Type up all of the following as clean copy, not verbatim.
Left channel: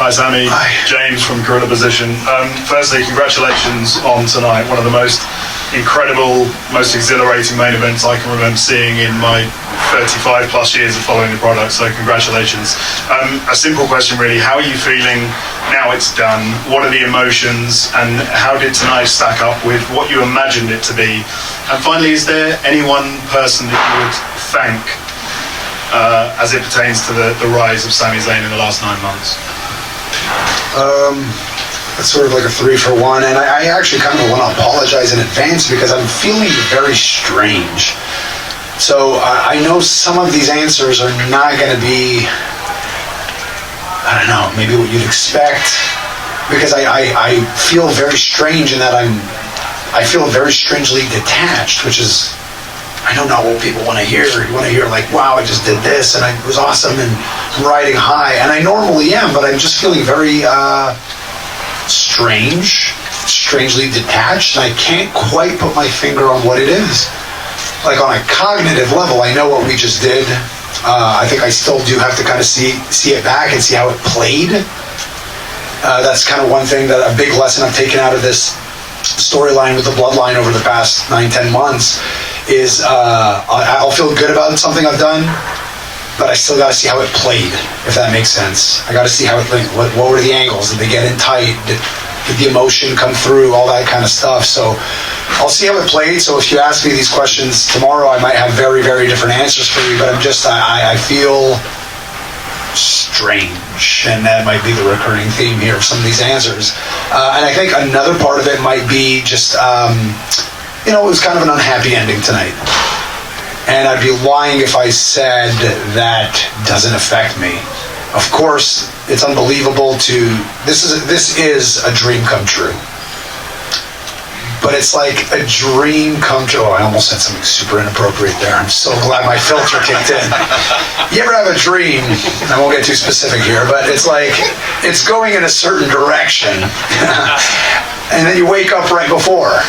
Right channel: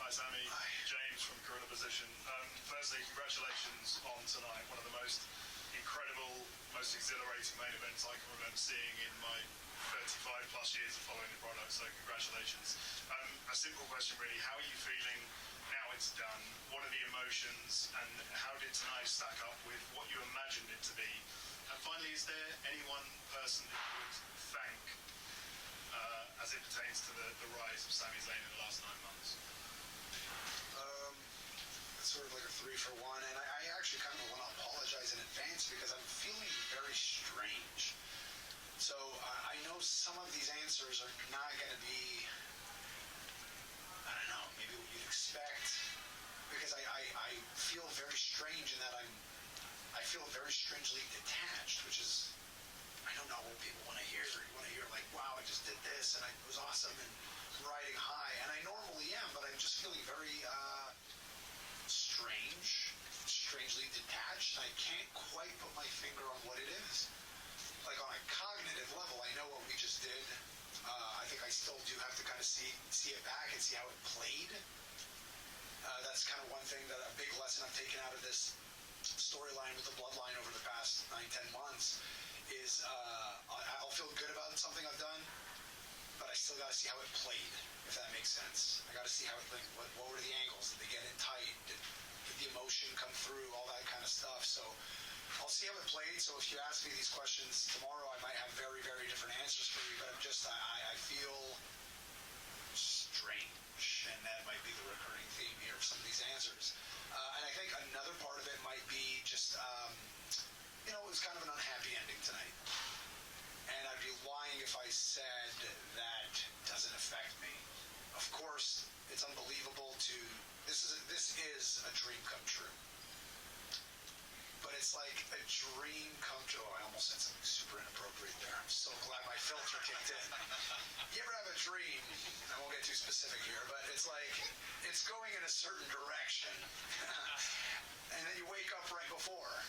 Hi Sami, Hi. James from Gorilla Position. Firstly, congratulations on tonight. One of the most incredible, most exhilarating main events I can remember seeing in my 35 plus years of following the product, so congratulations. A simple question really, how are you feeling now it's done? What are the emotions and how did tonight stack up with what you imagined it to be? And finally, is there any one person that you would thank as it pertains to the rise of Sami Zayn in the last 9 months? It's sort of like a 3-for-1, and I actually kind of want to apologize in advance because I'm feeling very strange. So I know some of these answers are not going to be, I don't know, maybe what you'd expect, because I feel very strange in that I feel very strangely detached, which is, I don't know what people want to hear. You want to hear like, wow, I just did this and it was awesome and I'm riding high. And I normally am, but I'm just feeling very strangely detached. And I can't quite put my finger on what it is. Like on a cognitive level, I know what we just did. I think I still do have to kind of see it back and see how it played. That's kind of one thing, that a big lesson I've taken out of this storyline with the bloodline over the past 9-10 months is I'll feel good about something I've done, but I still got to see how it played, if that makes sense. I got to see how it played. What were the angles? Did they get in tight? Did the emotion come through? All that kind of stuff. So I'll see how it played. So if you ask me these questions tomorrow, I might have very, very different answers for you, but I feel strange, and that might be the recurring theme here of some of these answers. And I think another part of it might be just, it was kind of an unhappy ending tonight. And I'd be lying if I said that doesn't affect me. Of course, it's unbelievable this is a dream come true. But it's like a dream come true. Oh, I almost said something super inappropriate there. I'm so glad my filter kicked in. You ever have a dream, and I won't get too specific here, but it's like, it's going in a certain direction, and then you wake up right before,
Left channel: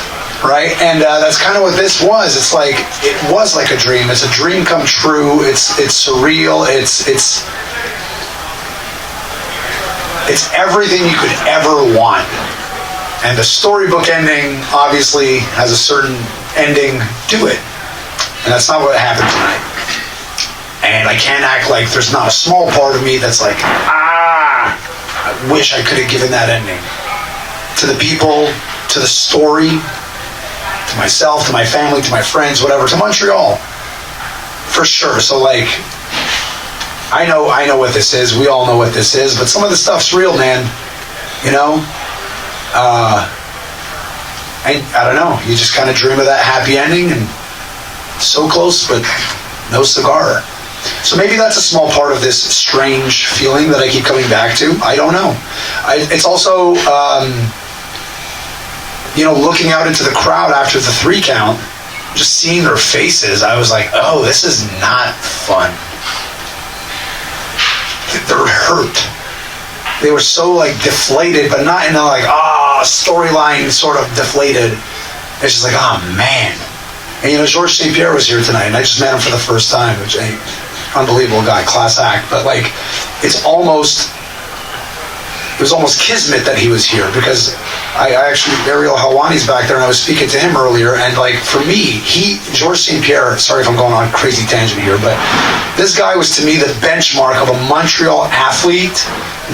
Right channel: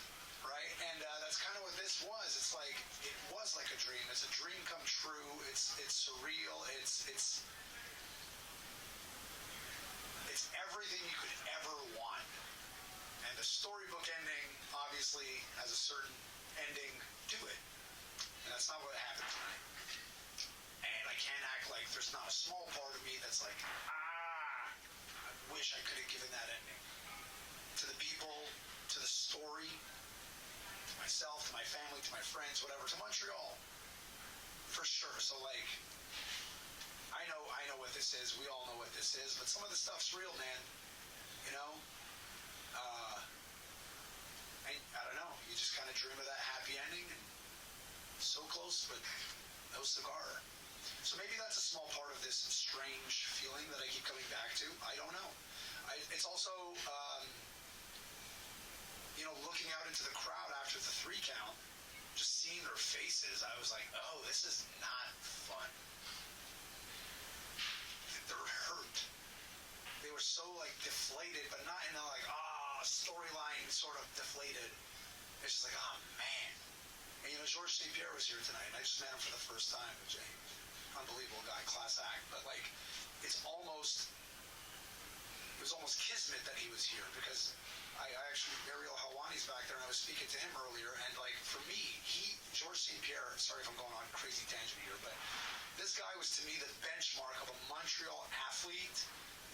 right? And that's kind of what this was. It's like, it was like a dream. It's a dream come true. It's surreal. It's everything you could ever want. And the storybook ending obviously has a certain ending to it. And that's not what happened tonight. And I can't act like there's not a small part of me that's like, I wish I could have given that ending. To the people, to the story, to myself, to my family, to my friends, whatever, to Montreal. For sure. So like, I know what this is. We all know what this is. But some of the stuff's real, man. You know? I don't know. You just kind of dream of that happy ending, and so close, but no cigar. So maybe that's a small part of this strange feeling that I keep coming back to. I don't know. It's also, looking out into the crowd after the 3 count, just seeing their faces, I was like, oh, this is not fun. They're hurt. They were so like deflated, but not in a like, storyline sort of deflated. It's just like, oh man. And Georges St. Pierre was here tonight, and I just met him for the first time, which is an unbelievable guy, class act. But like, it was almost kismet that he was here, because I actually, Ariel Helwani's back there, and I was speaking to him earlier, and like, for me, Georges St. Pierre, sorry if I'm going on a crazy tangent here, but this guy was to me the benchmark of a Montreal athlete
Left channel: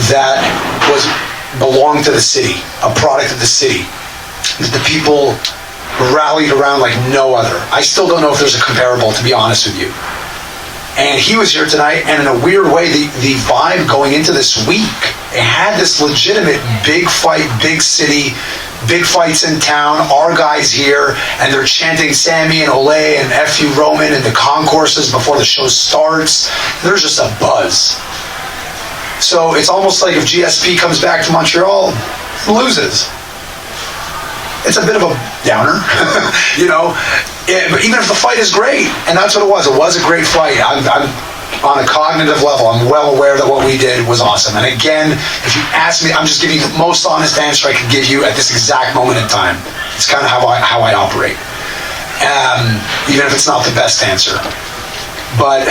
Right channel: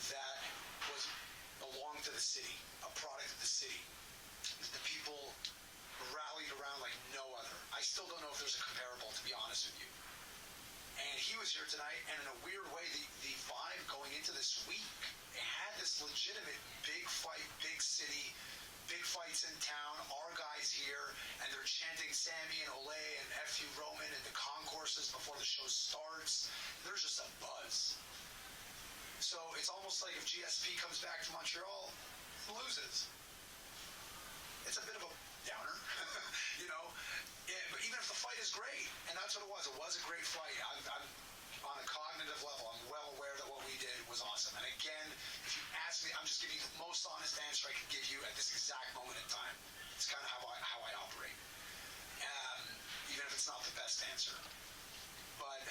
that belonged to the city, a product of the city. The people rallied around like no other. I still don't know if there's a comparable, to be honest with you. And he was here tonight, and in a weird way, the vibe going into this week, it had this legitimate big fight, big city, big fights in town, our guys here, and they're chanting Sami and Olay and F.U. Roman in the concourses before the show starts. There's just a buzz. So it's almost like if GSP comes back to Montreal, loses. It's a bit of a downer, but even if the fight is great, and that's what it was a great fight. I'm on a cognitive level, I'm well aware that what we did was awesome. And again, if you ask me, I'm just giving you the most honest answer I can give you at this exact moment in time. It's kind of how I operate, even if it's not the best answer. But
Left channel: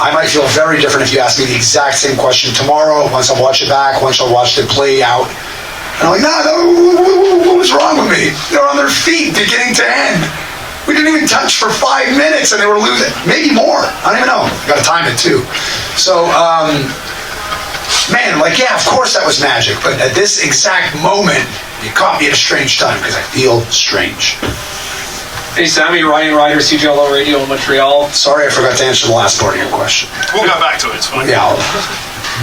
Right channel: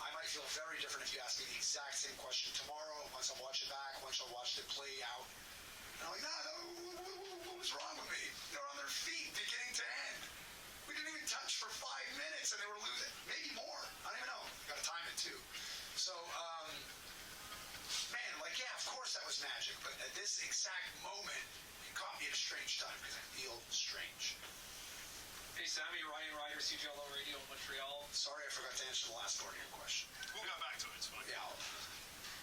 I might feel very different if you ask me the exact same question tomorrow, once I watch it back, once I watched it play out. And I'm like, no, what was wrong with me? They were on their feet beginning to end. We didn't even touch for 5 minutes and they were losing. Maybe more. I don't even know. Got to time it too. So, man, like, yeah, of course that was magic. But at this exact moment, you caught me at a strange time because I feel strange. Hey, Sami, Ryan Ryder, CGLO Radio in Montreal. Sorry I forgot to answer the last part of your question. We'll go back to it. It's fine. Yeah.